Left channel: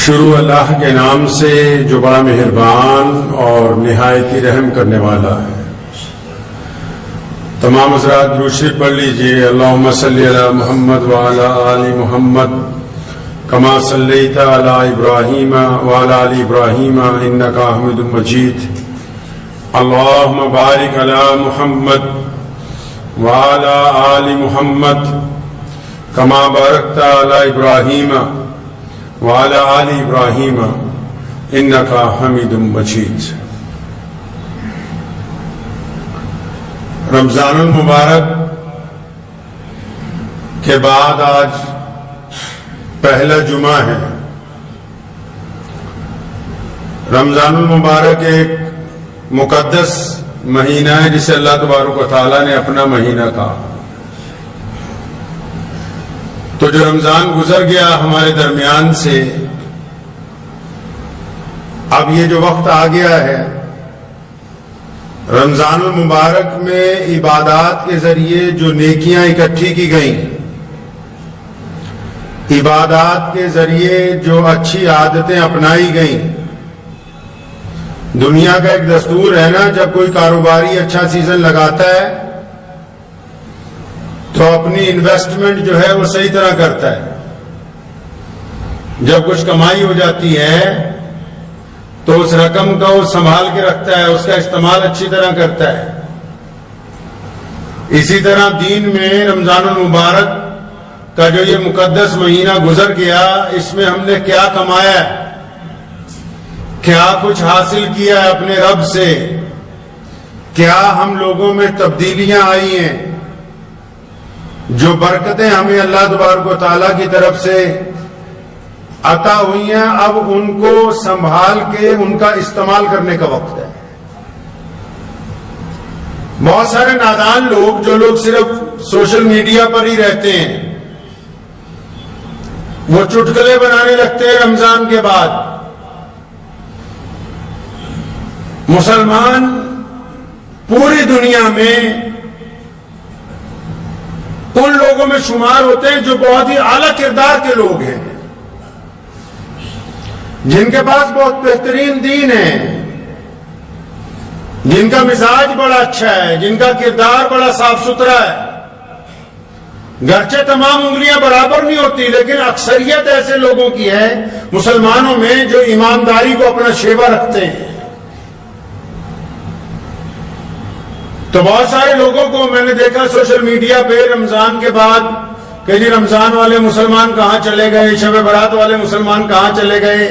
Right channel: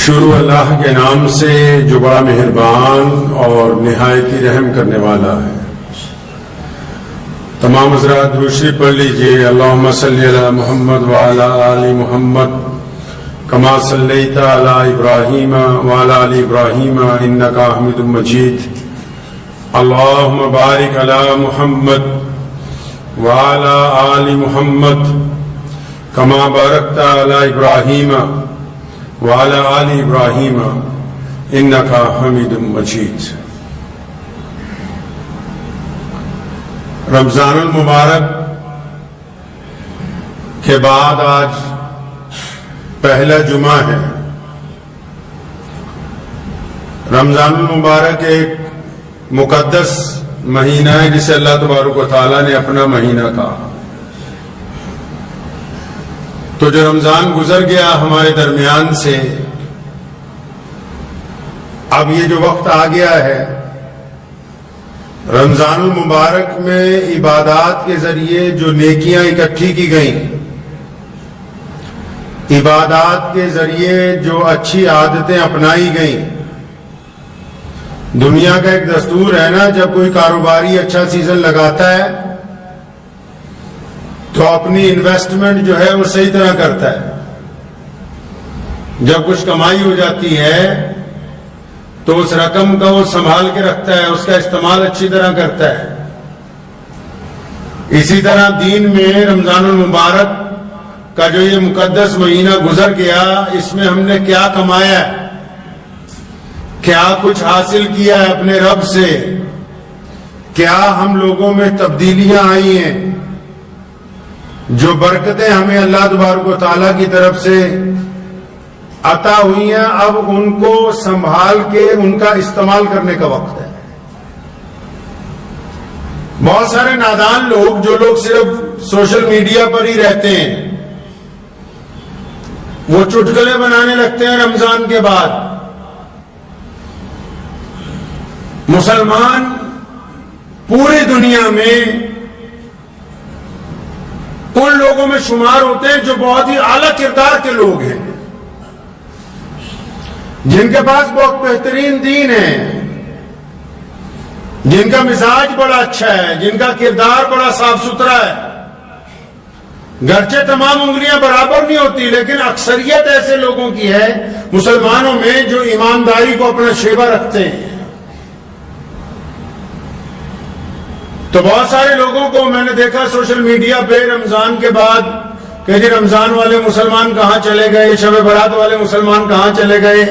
شروع اللہ کے نام سے جو بڑا مہربان اور نہایت ہی رحم کرنے والا ہے۔ تمام حضرات درود شریف پڑھ لیجئے۔ اللہم صلی علی محمد وعلی آل محمد کما صلیت علی ابراہیم وعلی آل ابراہیم انک حمید مجید۔ اللہم بارک علی محمد وعلی آل محمد کما بارکت علی ابراہیم وعلی آل ابراہیم انک حمید مجید۔ رمضان المبارک کے بعد آج پہلا جمعہ ہے۔ رمضان المبارک ایک مقدس مہینہ ہے جسے اللہ تبارک و تعالیٰ نے اپنا مہینہ کہا۔ تو جو رمضان گزر گیا ہمارے درمیان سے، اب یہ جو وقت آ گیا ہے رمضان المبارک میں عبادات کے ذریعے جو نیکیاں اکٹھی کی گئیں، عبادات کے ذریعے جو اچھی عادتیں اپنائی گئیں۔ دنیا کا ایک دستور ہے نا، جب کوئی کاروباری اچھا سیزن لگاتا ہے تو اپنی انویسٹمنٹ جو ہے وہ صحیح طرح کرتا ہے۔ جب کچھ کمائی ہو جاتی ہے تو اس رقم کو سنبھال کے رکھتا ہے، اس کا استعمال اچھی طرح کرتا ہے۔ اسی طرح دین میں رمضان المبارک کا جو یہ مقدس مہینہ گزر گیا، اس میں ہم نے کیا کمایا ہے، کیا کچھ حاصل کیا ہے اپنے رب سے، کیا ہم لوگوں میں تبدیلیاں آئی ہیں، جو برکتیں ہمیں اللہ تبارک و تعالیٰ کی طرف سے عطا ہوئی ہیں، اب ان کو سنبھال کے ان کا استعمال کرنے کا وقت ہے۔ بہت سارے نادان لوگ، جو لوگ صرف سوشل میڈیا پر ہی رہتے ہیں، وہ چٹکلے بنانے لگتے ہیں رمضان کے بعد۔ مسلمان پوری دنیا میں ان لوگوں میں شمار ہوتے ہیں جو بہت ہی اعلیٰ کردار کے لوگ ہیں، جن کے پاس بہت بہترین دین ہے، جن کا مزاج بڑا اچھا ہے، جن کا کردار بڑا صاف ستھرا ہے۔ گرچہ تمام انگلیاں برابر نہیں ہوتی، لیکن اکثریت ایسے لوگوں کی ہے مسلمانوں میں جو ایمانداری کو اپنا شیوا رکھتے ہیں۔ تو بہت سارے لوگوں کو میں نے دیکھا سوشل میڈیا پہ رمضان کے بعد کہ جی رمضان والے مسلمان کہاں چلے گئے، شب برات والے مسلمان کہاں چلے گئے،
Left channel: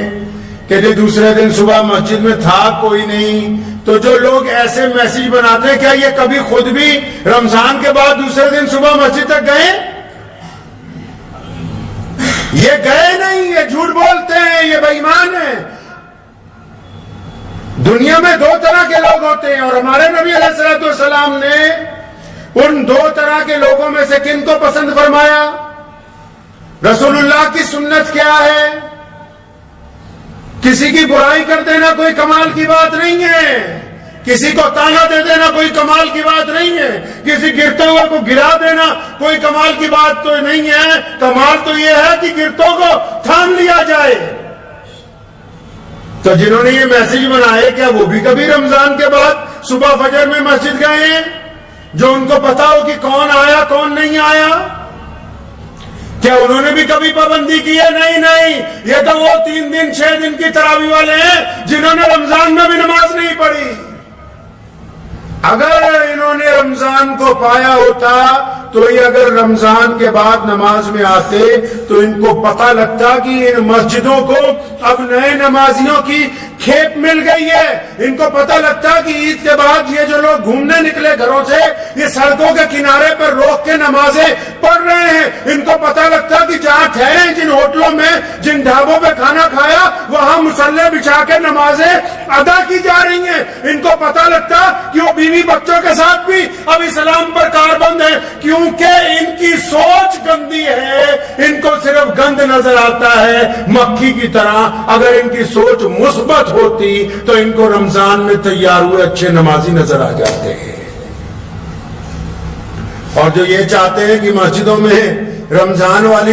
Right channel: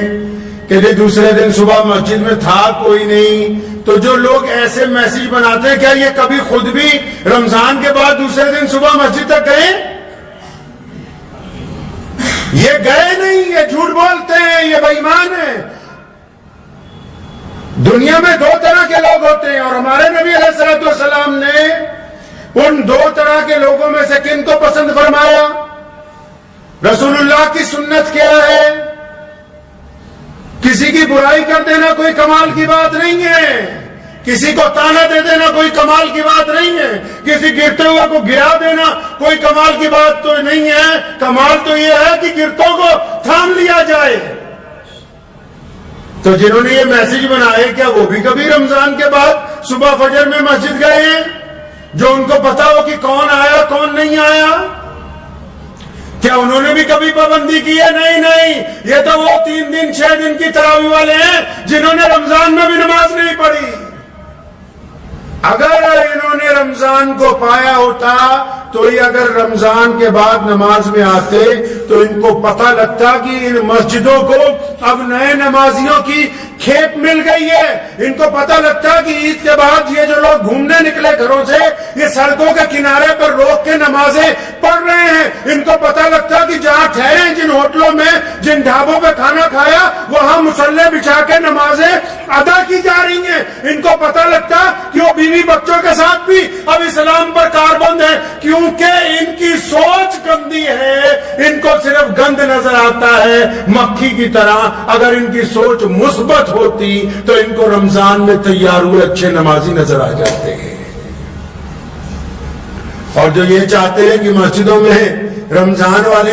کہ جی دوسرے دن صبح مسجد میں تھا کوئی نہیں۔ تو جو لوگ ایسے میسج بناتے ہیں، کیا یہ کبھی خود بھی رمضان کے بعد دوسرے دن صبح مسجد تک گئے؟ یہ گئے نہیں، یہ جھوٹ بولتے ہیں، یہ بے ایمان ہیں۔ دنیا میں دو طرح کے لوگ ہوتے ہیں، اور ہمارے نبی علیہ الصلوۃ والسلام نے ان دو طرح کے لوگوں میں سے کن کو پسند فرمایا؟ رسول اللہ کی سنت کیا ہے؟ کسی کی برائی کر دینا کوئی کمال کی بات نہیں ہے، کسی کو تانا دے دینا کوئی کمال کی بات نہیں ہے، کسی گرتے ہوئے کو گرا دینا کوئی کمال کی بات تو نہیں ہے۔ کمال تو یہ ہے کہ گرتوں کو تھام لیا جائے۔ تو جنہوں نے یہ میسج بنائے، کیا وہ بھی کبھی رمضان کے بعد صبح فجر میں مسجد گئے ہیں، جو ان کو پتا ہو کہ کون آیا کون نہیں آیا؟ کیا انہوں نے بھی کبھی پابندی کی ہے؟ نہیں، یہ تو وہ 3 دن 6 دن کی تراویح والے ہیں جنہوں نے رمضان میں بھی نماز نہیں پڑھی۔ اگر انہوں نے رمضان کو پایا ہوتا تو یہ اگر رمضان کے بعد نماز میں آتے تو ان کو پتہ لگتا کہ ان مسجدوں کو اب نئے نمازیوں کی کھیپ مل گئی ہے۔ ان کو پتہ لگتا کہ عید کے بعد یہ جو لوگ گھومنے نکلے گھروں سے، یہ سڑکوں کے کنارے پر روک کے نمازیں پڑھ رہے ہیں۔ ان کو پتہ لگتا کہ جہاں ٹھہرے، جن ہوٹلوں میں، جن ڈھابوں پہ کھانا کھایا، وہاں مصلے بچھا کے نمازیں ادا کی جا رہی ہیں۔ ان کو پتہ لگتا کہ وہ بیوی بچوں کے ساتھ بھی اب اسلام پر کاربند ہے، کیونکہ ان کی سوچ گندی ہے، ان کو صرف گند نظر آتا ہے مکھی کی طرح۔ اگر ان کی سوچ مثبت ہوتی تو ان کو رمضان میں تیار ہوئے اچھے نمازی نظر آ جاتے ہیں۔ اور جو یہ چاہتے ہیں کہ مسجدوں میں رمضان والی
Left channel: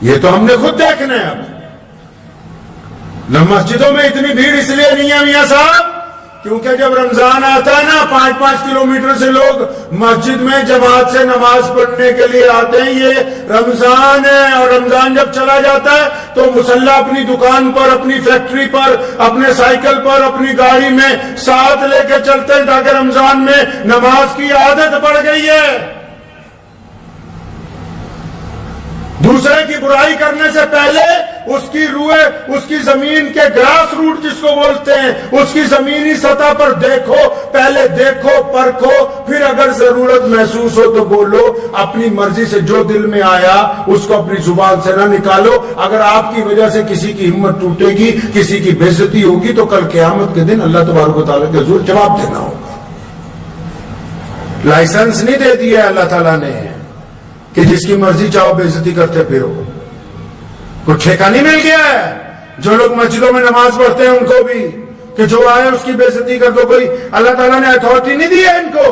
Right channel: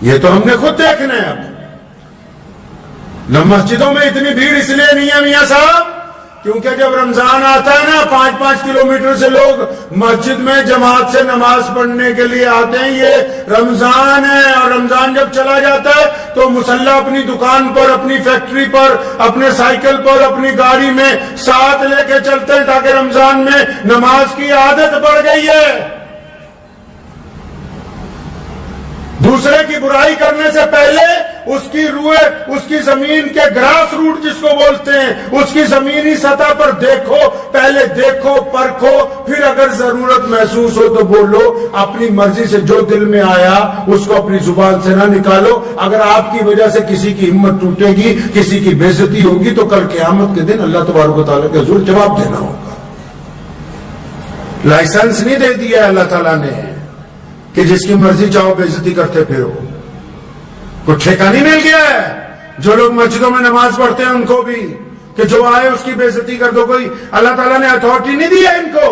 یہ تو ہم نے خود دیکھنا ہے. اب مسجدوں میں اتنی بھیڑ اس لیے نہیں ہے میاں صاحب کیونکہ جب رمضان آتا ہے نا 5-5 کلومیٹر سے لوگ مسجد میں جماعت سے نماز پڑھنے کے لیے آتے ہیں. یہ رمضان ہے اور رمضان جب چلا جاتا ہے تو مسلح اپنی دکان پر, اپنی فیکٹری پر, اپنے سائیکل پر, اپنی گاڑی میں ساتھ لے کے چلتے ہیں تاکہ رمضان میں نماز کی عادت پڑ گئی ہے. دوسرے کی برائی کرنے سے پہلے اس کی روح, اس کی زمین کے گراس روٹ جس کو بولتے ہیں, اس کی زمینی سطح پر دیکھو, پہلے دیکھو, پرکھو, پھر اگر ضرورت محسوس ہو تو بولو. اپنی مرضی سے جو دل میں آیا اس کو اپنی زبان سے نہ نکالو. اگر آپ کی وجہ سے کسی کی ہمت ٹوٹے گی, کسی کی بے عزتی ہوگی تو کل قیامت کے دن اللہ تبارک و تعالیٰ کے حضور جواب دینا ہوگا. لائسنس نہیں دے دیا اللہ تعالیٰ نے کہ جس کی مرضی چاہو بے عزتی کرتے پھرو. کوئی ٹھیکہ نہیں مل گیا ہے جو لوگ مسجدوں میں نماز پڑھتے ہیں ان کو بھی کہ جو آئے اس کی بے عزتی کر دو. کوئی اللہ تعالیٰ نے اتھارٹی نہیں دی ہے ان کو.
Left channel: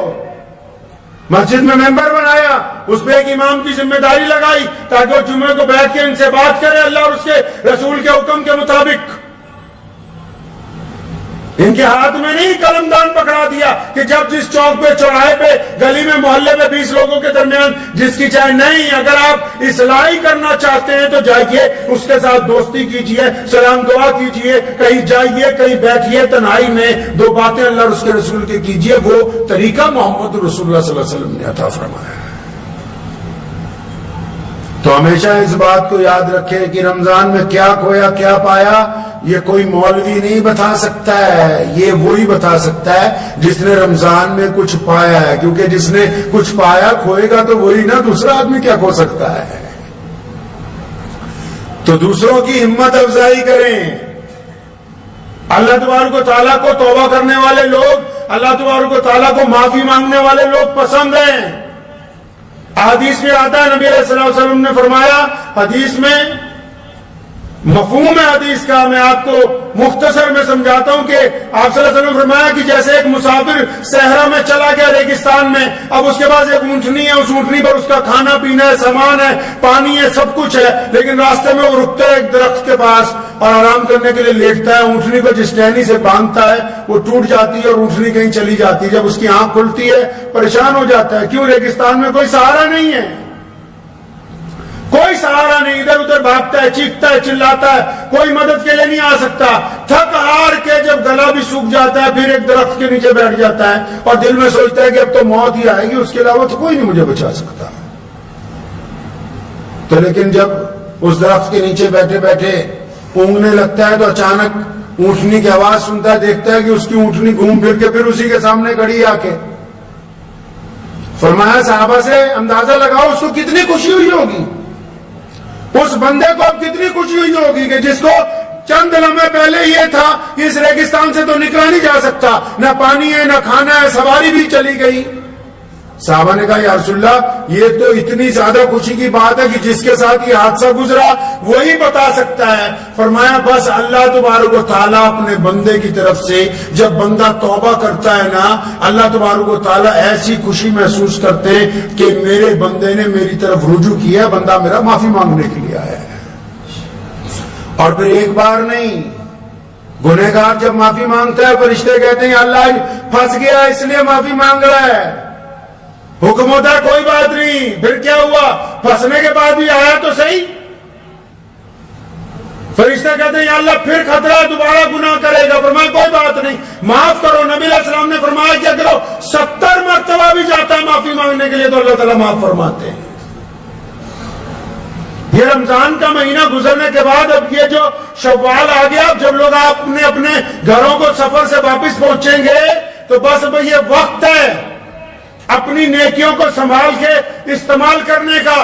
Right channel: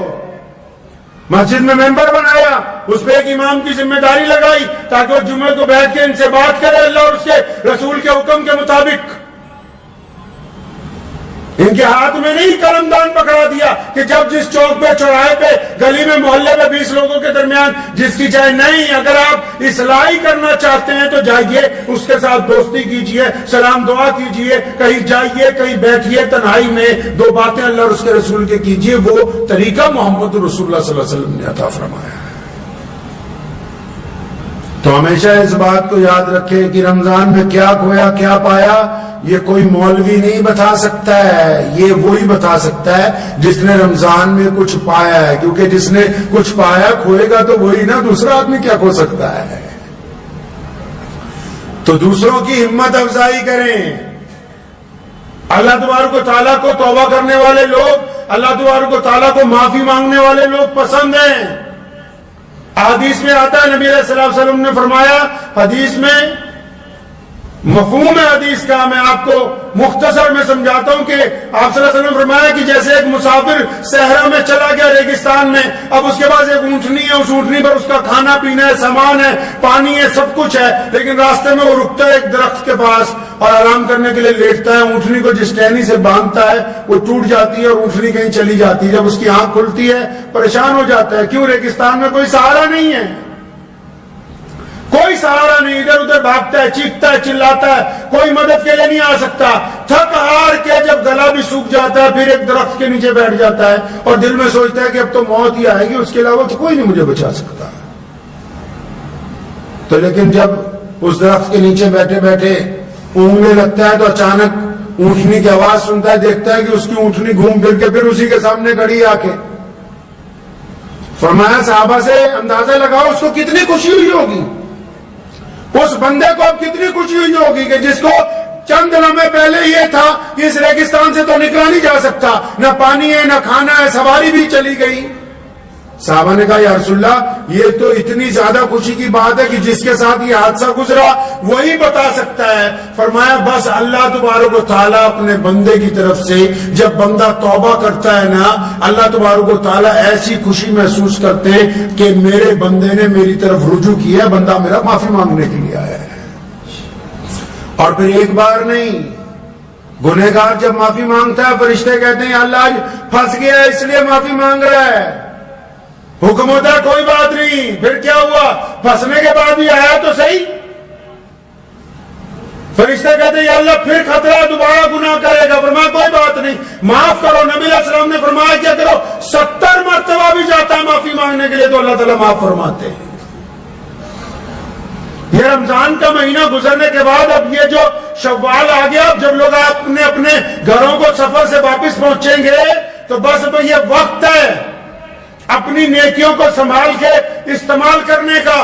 مسجد میں ممبر بنایا, اس پہ ایک امام کی ذمہ داری لگائی تاکہ وہ جمعے کو بیٹھ کے ان سے بات کرے اللہ اور اس کے رسول کے حکم کے مطابق. ان کے ہاتھ میں نہیں قلم دان پکڑا دیا کہ جب جس چوک پہ, چوراہے پہ, گلی میں, محلے میں 20 لوگوں کے درمیان جس کی چاہے. نہیں, اگر آپ اصلاحی کرنا چاہتے ہیں تو جائیے اس کے ساتھ دوستی کیجئے, سلام دعا کیجئے, کہیں جائیے, کہیں بیٹھیے, تنہائی میں 2 باتیں اللہ اور اس کے رسول کے کیجئے. وہ طریقہ محمد رسول اللہ صلی اللہ علیہ وسلم نے عطا فرمایا ہے. تو ہمیشہ اس بات کو یاد رکھیں کہ رمضان میں کیا کھویا کیا پایا یہ کوئی مولوی نہیں بتا سکتا ہے. یہ وہی بتا سکتا ہے جس نے رمضان میں کچھ پایا ہے, کیونکہ جس نے کچھ پایا کھوئے گا تو وہی نا, دوسرا آدمی کیا کھو سکتا ہے. تو دوسروں کی ہمت افزائی کریں. اللہ تبارک و تعالیٰ کو توبہ کرنے والے لوگ, اللہ تبارک و تعالیٰ کو معافی مانگنے والے لوگ پسند ہیں. حدیث میں آتا ہے نبی علیہ الصلوۃ والسلام نے فرمایا, حدیث میں مفہوم حدیث کا میں آپ کو مختصر میں سمجھاتا ہوں کہ آپ صلی اللہ علیہ وسلم نے فرمایا کہ جیسے ایک مسافر صحرا میں چلا گیا ریگستان میں, اب اس کے پاس ایک اونٹنی ہے, اس اونٹنی پر اس کا کھانا پینا ہے, سامان ہے, پانی ہے, سب کچھ ہے, لیکن راستے میں وہ رکتا ہے ایک درخت کے پاس اور آرام کرنے کے لیے لیٹتا ہے. اونٹنی کو جس ٹہنی سے باندھتا ہے وہ ٹوٹ جاتی ہے اور اونٹنی کہیں چلی جاتی ہے. جب اس کی آنکھ کھلتی ہے پریشان ہو جاتا ہے, کیوں؟ ریگستان میں کوئی سہارا نہیں ہے, کوئی سہارا نہیں, ادھر ادھر بھاگتا ہے, چیختا ہے, چلاتا ہے, کوئی مدد کے لیے نہیں آ سکتا. تھک ہار کے جب گلا بھی سوکھ جاتا ہے پھر ایک درخت کے نیچے بیٹھ جاتا ہے اور دل میں سوچتا ہے کہ اب تو موت ہی آئے گی, اس کے علاوہ تو کوئی نہیں مجھے بچا سکتا. تو لیکن جب اس درخت کے نیچے بیٹھے بیٹھے اونگنے لگتا ہے تو اچانک اونٹنی کی آواز سنتا ہے, دیکھتا ہے کہ اس کی اونٹنی گھوم پھر کے پھر اسی کے سامنے کھڑی آ کے. فرمایا صحابہ سے اندازہ لگاؤ اس کو کتنی خوشی ہوئی ہوگی, اس بندے کو اب کتنی خوشی ہوئی ہوگی کہ جس کو چند لمحے پہلے یہ تھا کہ اس ریگستان سے تو نکلا نہیں جا سکتا, نہ پانی ہے, نہ کھانا ہے, سواری بھی چلی گئی. صحابہ نے کہا یا رسول اللہ یہ تو اتنی زیادہ خوشی کی بات ہے کہ جس کے ساتھ یہ حادثہ گزرا وہی بتا سکتا ہے. فرمایا بس اللہ تبارک و تعالیٰ اپنے بندے کی طرف سے جب بندہ توبہ کرتا ہے نا, اللہ تبارک و تعالیٰ ایسی خوشی محسوس کرتے ہیں کہ میرے بندے نے میری طرف رجوع کیا, بندہ میرا معافی مانگنے کے لیے آیا ہے. اور پھر ایک بار نہیں, گنہگار جب معافی مانگتا ہے فرشتے کہتے ہیں اللہ آج پھنس گیا اس لیے معافی مانگ رہا ہے. حکم ہوتا ہے کوئی بات نہیں, پھر کیا ہوا, پھنسنے کے بعد بھی آیا تو صحیح. فرشتے کہتے ہیں یا اللہ پھر خطرہ دوبارہ گناہ کرے گا. فرمایا کوئی بات نہیں, معاف کرو. نبی علیہ السلام نے فرمایا کہ اگر 70 مرتبہ بھی جاتا ہے معافی مانگنے کے لیے تو اللہ تعالیٰ معاف فرماتے ہیں. یہ رمضان کا مہینہ گزرنے کے بعد اب یہ جو شوال آ گیا, اب جب لوگ اپنے اپنے گھروں کو سفر سے واپس پہنچیں گے تو بس اب یہ وقت ہے اپنی نیکیوں کو سنبھال کے استعمال کرنے کا.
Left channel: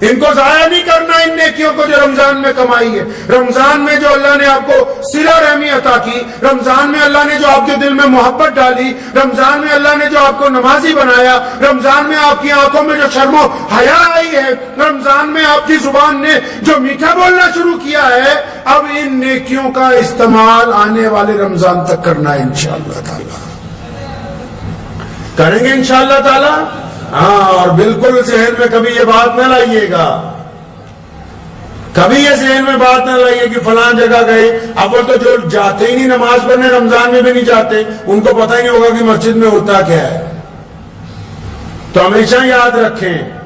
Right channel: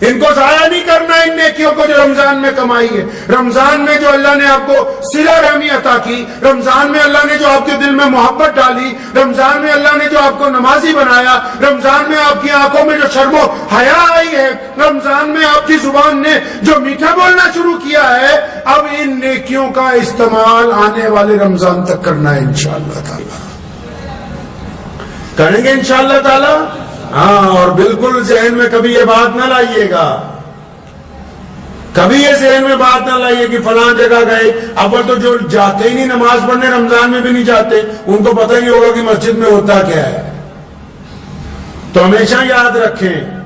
ان کو ضائع نہیں کرنا, ان نیکیوں کو جو رمضان میں کمائی ہے. رمضان میں جو اللہ نے آپ کو صلہ رحمی عطا کی, رمضان میں اللہ نے جو آپ کے دل میں محبت ڈالی, رمضان میں اللہ نے جو آپ کو نمازی بنایا, رمضان میں آپ کی آنکھوں میں جو شرم و حیا آئی ہے, رمضان میں آپ کی زبان نے جو میٹھا بولنا شروع کیا ہے, اب ان نیکیوں کا استعمال آنے والے رمضان تک کرنا ہے انشاءاللہ تعالی. کریں گے انشاءاللہ تعالی. ہاں, اور بالکل ذہن میں کبھی یہ بات نہ لائیے گا کبھی یہ ذہن میں بات نہ لائیے کہ فلاں جگہ گئے. اول تو جو جاتے ہی نہیں نماز پڑھنے رمضان میں بھی نہیں جاتے, ان کو پتہ ہی نہیں ہوگا کہ مسجد میں ہوتا کیا ہے. تو ہمیشہ یاد رکھیں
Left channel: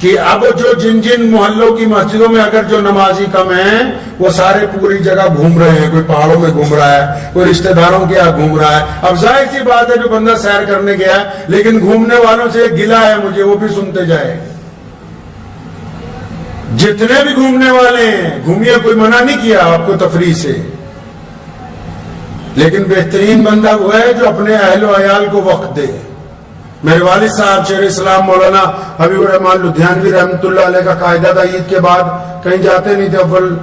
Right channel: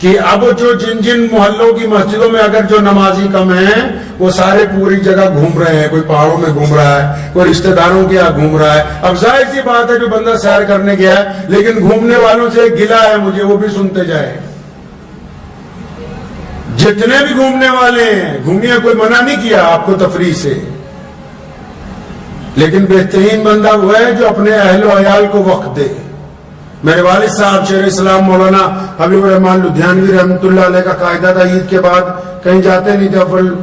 کہ اب جو جن جن محلوں کی مسجدوں میں اگر جو نمازی کم ہیں وہ سارے پوری جگہ گھوم رہے ہیں, کوئی پہاڑوں میں گھوم رہا ہے, کوئی رشتہ داروں کے یہاں گھوم رہا ہے. اب ظاہر سی بات ہے جو بندہ سیر کرنے گیا ہے لیکن گھومنے والوں سے گلہ ہے مجھے, وہ بھی سنتے جائے. جتنے بھی گھومنے والے ہیں گھومیے, کوئی منع نہیں کیا آپ کو تفریح سے, لیکن بہترین بندہ وہ ہے جو اپنے اہل و عیال کو وقت دے. میرے والد صاحب شیخ اسلام مولانا حبیب الرحمان لدھیانوی رحمۃ اللہ علیہ کا قاعدہ تھا, عید کے بعد کہیں جاتے نہیں تھے, اول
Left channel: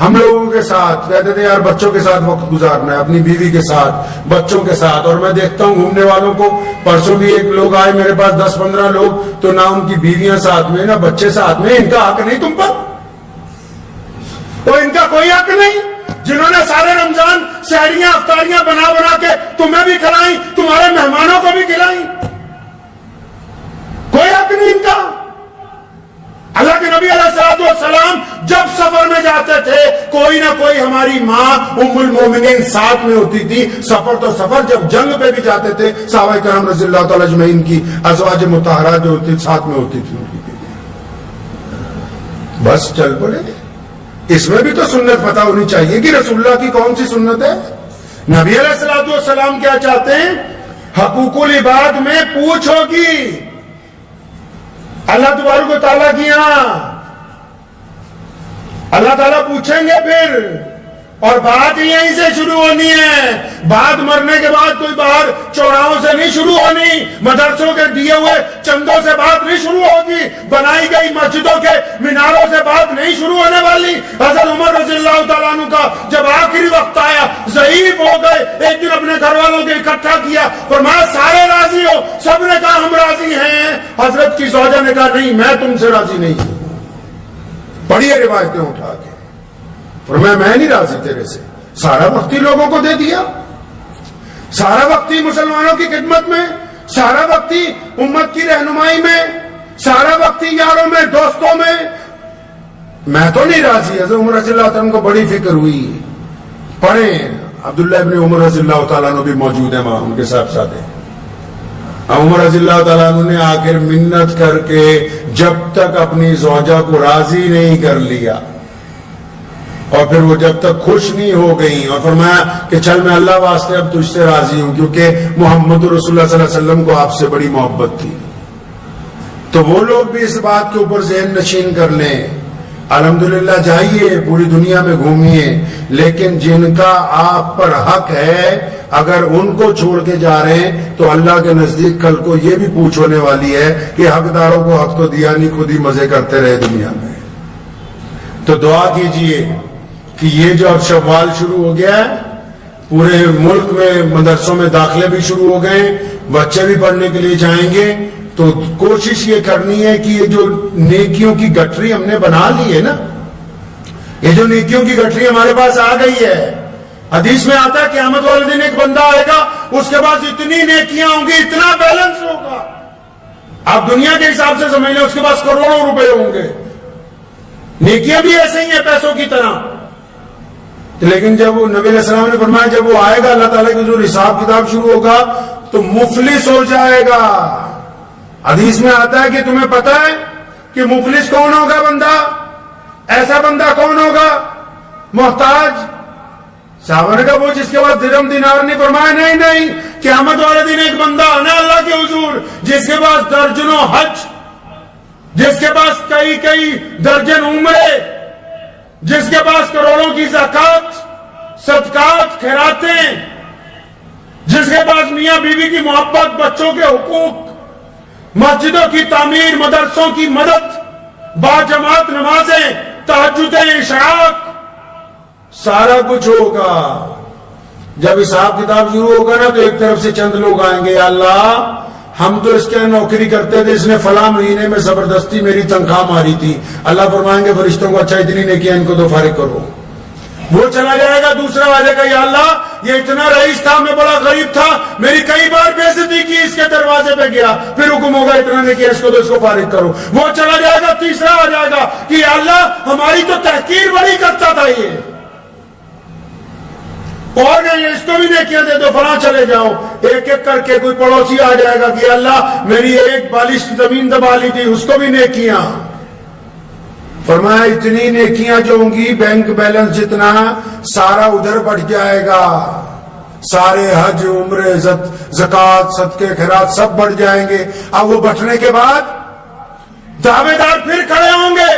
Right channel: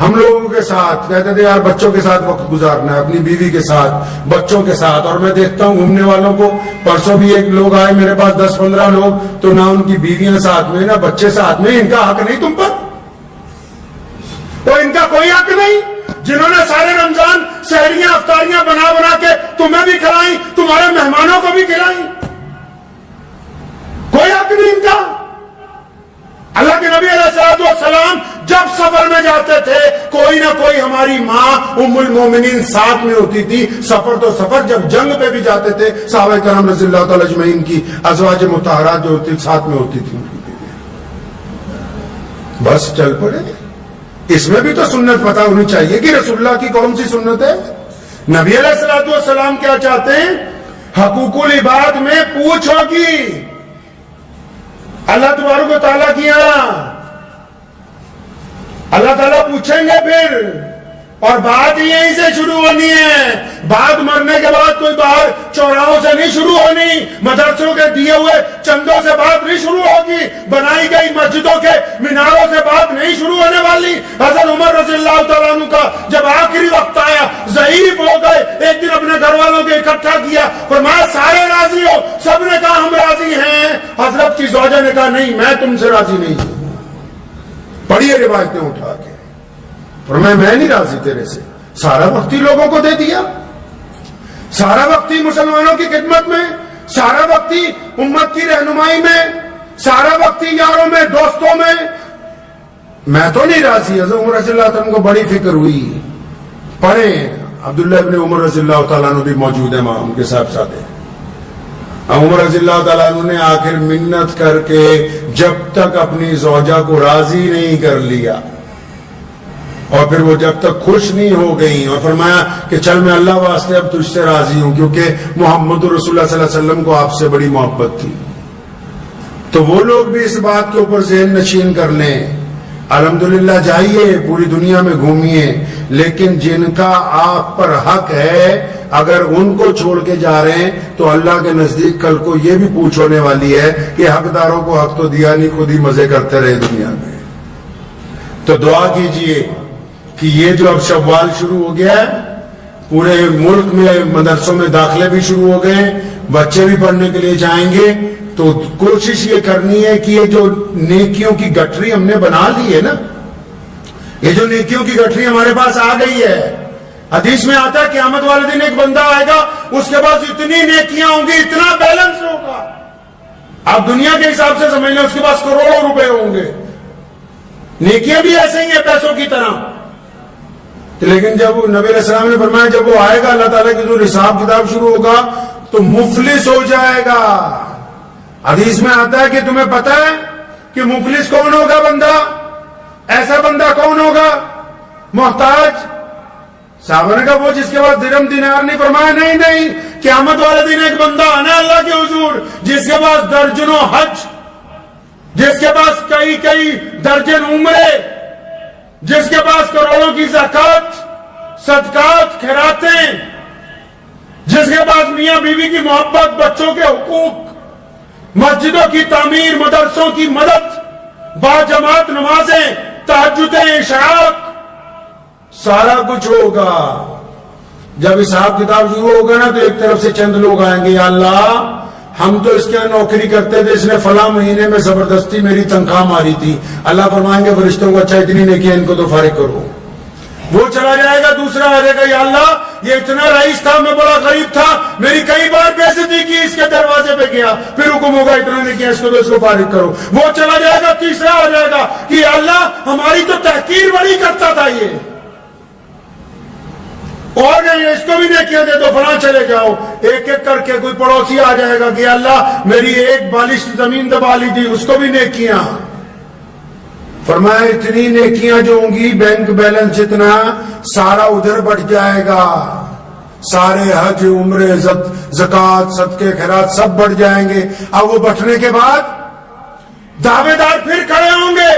ہم لوگوں کے ساتھ کہتے تھے یار بچوں کے ساتھ وقت گزارنا ہے, اپنی بیوی کے ساتھ, بچوں کے ساتھ. اور میں دیکھتا ہوں گھومنے والوں کو, پرسوں بھی ایک لوگ آئے میرے پاس 10-15 لوگ, تو نہ ان کی بیویاں ساتھ میں نہ بچے ساتھ میں. ان کا حق نہیں تم پر, تو ان کا کوئی حق نہیں. جنہوں نے سارے رمضان سحریاں افطاریاں بنا بنا کے تمہیں بھی کھلائیں, تمہارے مہمانوں کو بھی کھلائیں, کوئی حق نہیں ان کا. اللہ کے نبی علیہ السلام جب سفر میں جاتے تھے کوئی نہ کوئی ہماری ماں ام المومنین ساتھ میں ہوتی تھی. سفر تو سفر, جب جنگ پہ بھی جاتے تھے صحابہ کرام رضی اللہ تعالی اجمعین کی ازواج مطہرات جو ہوتی ساتھ میں ہوتی تھی, بس چل پڑے. اس میں بھی تو سنت پتہ ہونی چاہیے کہ رسول اللہ کی کون سی سنت ہے. نبی علیہ السلام کیا چاہتے ہیں؟ حقوق العباد میں پوچھ ہوگی اللہ تبارک و تعالیٰ کی یہاں, اللہ تعالیٰ پوچھیں گے پھر, اور بات یہیں سے شروع ہونی ہے. بات مرنے کے بعد کوئی باہر چوراہوں سے نہیں شروع ہونی, مدرسوں کے دیے ہوئے چندوں سے بات نہیں شروع ہوگی, بنائی گئی مسجدوں کے میناروں سے بات نہیں شروع ہونے والی. حضرت عمر رضی اللہ تعالیٰ عنہ کا جب آخری وقت آیا, ضعیف ہو گئے, ایک دن اپنے گھر والوں کو اکٹھا کیا, فرمایا سارے راضی ہو؟ سب نے کہا ہم راضی ہیں. حضرت کی زوجہ نے کہا نہیں, میں تم سے راضی نہیں ہوں. پڑھیے روایتیں اٹھا کے, فرمایا میں نہیں راضی تیرے سے. سارا وقت ہی لوگوں کو دے دیا, سارا وقت ہی مسلمانوں کی خدمت میں, سارا وقت ہی امت کی رہنمائی میں, سارا وقت ہی یاروں میں دوستوں میں تو نہیں راضی. حضرت عمر رضی اللہ تعالیٰ کو بڑی فکر ہوئی. پڑھیں, عبداللہ ابن عمر رضی اللہ تعالیٰ عنہ بھی موجود ہیں وہاں, ان کے ساتھ ساتھ ہیں. عمر رضی اللہ تعالیٰ عنہ نے آخر منت کر کے جب تک اپنی زوجہ کو راضی نہیں کر لیا, اور پھر وہ جب تک خوش نہیں ہو گئی, اور فرمایا کہ چل میں اللہ واسطے اب تجھ سے راضی ہوں, کیونکہ محمد رسول اللہ صلی اللہ علیہ وسلم کو آپ سے بڑی محبت تھی. تو وہ لوگ بھی اس بات کے اوپر ذہن نشین کر لیں. الحمدللہ جائیے پوری دنیا میں گھومیے, لیکن جن کا آپ پر حق ہے اگر ان کو چھوڑ کے جا رہے ہیں تو اللہ کے نزدیک کل کو یہ بھی پوچھ ہونے والی ہے کہ حقداروں کو حق تو دیا نہیں, خود ہی مزے کرتے رہے دنیا میں. تو دعا کیجئے کہ یہ جو اب شوال شروع ہو گیا ہے, پورے ملک میں مدرسوں میں داخلے بھی شروع ہو گئے, بچے بھی پڑھنے کے لیے جائیں گے, تو کوشش یہ کرنی ہے کہ یہ جو نیکیوں کی گٹھری ہم نے بنا لی ہے نا, یہ جو نیکیوں کی گٹھری ہمارے پاس آ گئی ہے, حدیث میں آتا ہے قیامت والے دن ایک بندہ آئے گا, اس کے پاس اتنی نیکیاں ہوں گی, اتنا بیلنس ہوگا, آپ دنیا کے حساب سے سمجھ لیں اس کے پاس کروڑوں روپے ہوں گے. نیکیاں بھی ایسے ہی ہیں پیسوں کی طرح. لیکن جب نبی علیہ السلام نے فرمایا جب وہ آئے گا اللہ تعالیٰ کی جو حساب کتاب شروع ہوگا تو مفلس ہو جائے گا. حدیث میں آتا ہے کہ تمہیں پتہ ہے کہ مفلس کون ہوگا بندہ, ایسا بندہ کون ہوگا؟ محتاج. صحابہ نے کہا وہ جس کے پاس درہم دینار نہیں. فرمایا نہیں, قیامت والے دن ایک بندہ آنا اللہ کے حضور جس کے پاس درجنوں حج, جس کے پاس کئی درجن عمرے, جس کے پاس کروڑوں کی زکات, صدقات, خیراتیں, جس کے پاس میاں بیوی کی محبت, بچوں کے حقوق, مسجدوں کی تعمیر, مدرسوں کی مدد, باجماعت نمازیں, تہجدیں, اشراق, سارا کچھ ہوگا. جب حساب کتاب شروع ہوگا نا تو ایک طرف سے چند لوگ آئیں گے, یا اللہ ہم تو اس کے نوکری کرتے تھے, اس نے فلاں مہینے میں زبردستی میری تنخواہ ماری تھی. اللہ فرمائیں گے فرشتوں کو اچھا اتنی نے کیا, ان کو تو فارغ کرو. وہ چلا جائے گا, دوسرا آ جائے گا, یا اللہ یہ اتنا رئیس تھا, میں بڑا غریب تھا, میری کئی بار بے عزتی کی, اس کے دروازے پہ گیا, پھر حکم ہوگا اتنا نے کیا, اس کو تو اس کو فارغ کرو. وہ چلا جائے گا, تیسرا آ جائے گا کہ یا اللہ ہماری تو تحقیر بڑی کرتا تھا یہ، اور نہیں اس کو بھی نیکیاں دے دو، فلاں چلے جاؤ، ایک ایک کر کے کوئی پڑوسی آ جائے گا کہ اللہ میری ایک بالش زمین دبا لی تھی، اس کو بھی نیکیاں۔ فرمایا اتنی نیکیاں جو ہوں گی بینک بیلنس جتنا سارا ادھر بڑھ جائے گا، سارے حج عمرے زکوٰۃ صدقے خیرات سب بڑھ جائیں گے۔ اب وہ بٹھنے کے بعد دعوے دار پھر کھڑے ہوں گے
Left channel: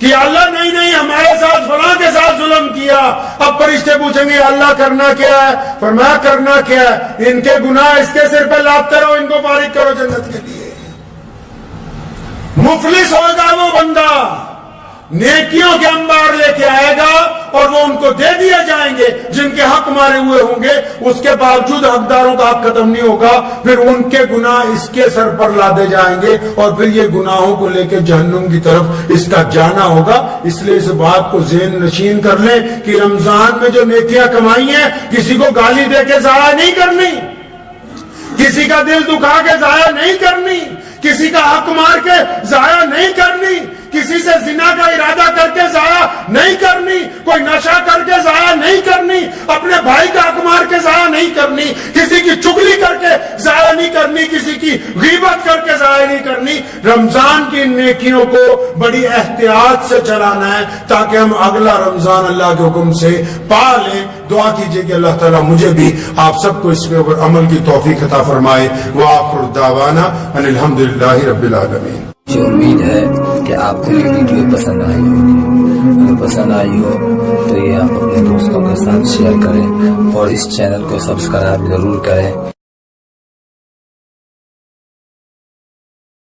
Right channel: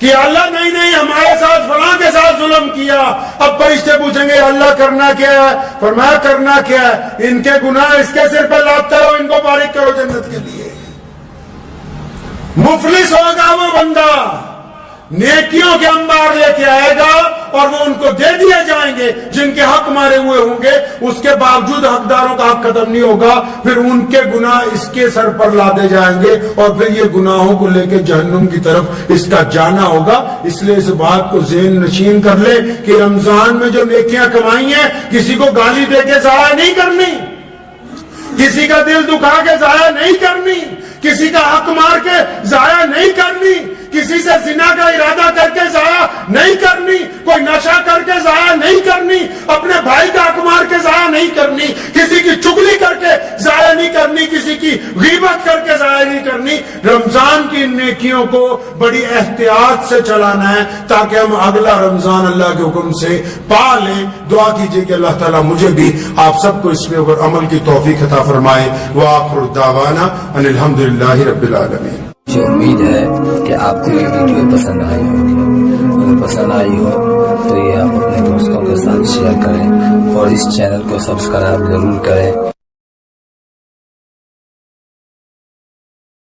کہ اللہ نہیں نہیں ہمارے ساتھ فلاں کے ساتھ ظلم کیا۔ اب فرشتے پوچھیں گے اللہ کرنا کیا ہے؟ فرمایا کرنا کیا ہے، ان کے گناہ اس کے سر پہ لاتے رہو، ان کو فارغ کرو جنت کے لیے۔ مفلس ہوگا وہ بندہ، نیکیوں کے انبار لے کے آئے گا اور وہ ان کو دے دیے جائیں گے جن کے حق مارے ہوئے ہوں گے، اس کے باوجود حقداروں کا حق ختم نہیں ہوگا، پھر ان کے گناہ اس کے سر پر لادے جائیں گے اور پھر یہ گناہوں کو لے کے جہنم کی طرف اس کا جانا ہوگا۔ اس لیے اس بات کو ذہن نشین کر لیں کہ رمضان میں جو نیکیاں کمائی ہیں کسی کو گالی دے کے ضائع نہیں کرنی، کسی کا دل دکھا کے ضائع نہیں کرنی، کسی کا حق مار کے ضائع نہیں کرنی، کسی سے زنا کا ارادہ کر کے ضائع نہیں کرنی، کوئی نشہ کر کے ضائع نہیں کرنی، اپنے بھائی کا حق مار کے ضائع نہیں کرنی، کسی کی چگلی کر کے ضائع نہیں کرنی، کسی کی غیبت کر کے ضائع نہیں کرنی۔ رمضان کی نیکیوں کو بڑی احتیاط سے چلانا ہے تاکہ ہم اگلا رمضان اللہ کے حکم سے پا لیں۔ دعا کیجئے کہ اللہ تعالیٰ مجھے بھی آپ سب کو اس پہ عمل کی توفیق عطا فرمائے۔ وآخر دعوانا ان الحمدللہ رب العالمین۔ مجھے امید ہے کہ آپ کو یہ ویڈیو پسند آئی ہوگی، اگر پسند آئی ہو تو یہ آپ اپنے دوستوں کے ساتھ شیئر کریں اور اس چینل کو سبسکرائب ضرور کریں۔